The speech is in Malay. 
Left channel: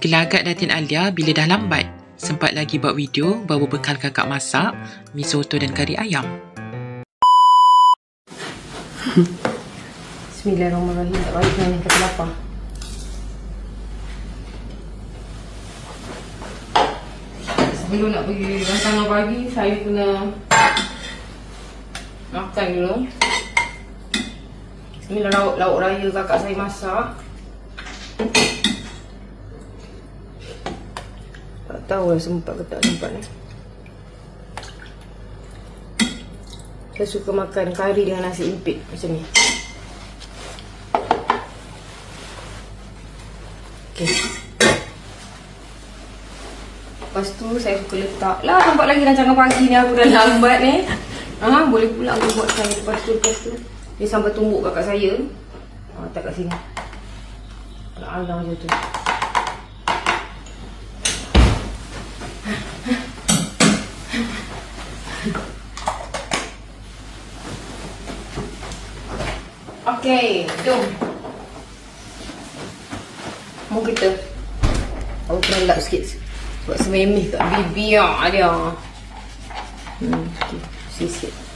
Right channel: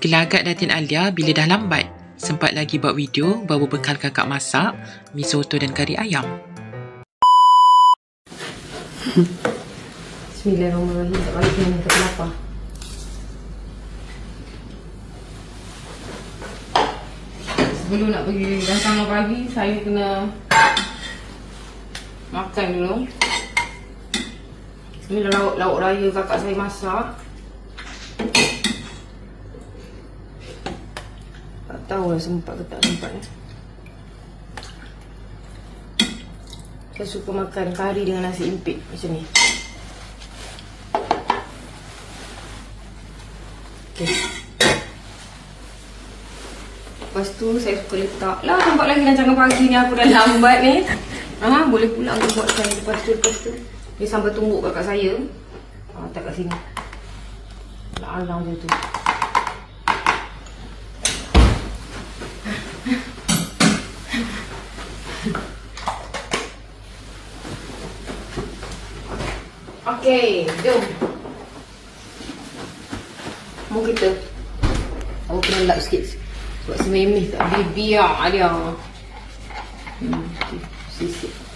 Gelagat Datin Alia bila dah lambat. Sempat lagi buat video bawa bekal kakak masak, mi soto dan kari ayam. Bismillahirrahmanirrahim. Tak balik dengan kata lapar. Sebelum nak pergi rancangan pagi, saya kena makan dulu. Ini lauk raya kakak saya masak. Tak tahu lah sempat ke tak sempat lah. Saya suka makan kari dengan nasi impit macam ni. Okay. Lepas tu saya suka letak lah, nampak lagi rancangan pagi ni aku dah lambat ni. Boleh pulang dia buatkan lepas tu. Dia sampai tumbuk kakak saya. Tak kat sini. Nak alang macam tu. Okay, jom. Mau kita. Aku kena lap sikit. Buat sememeh tak boleh biar dia. Okay, sikit.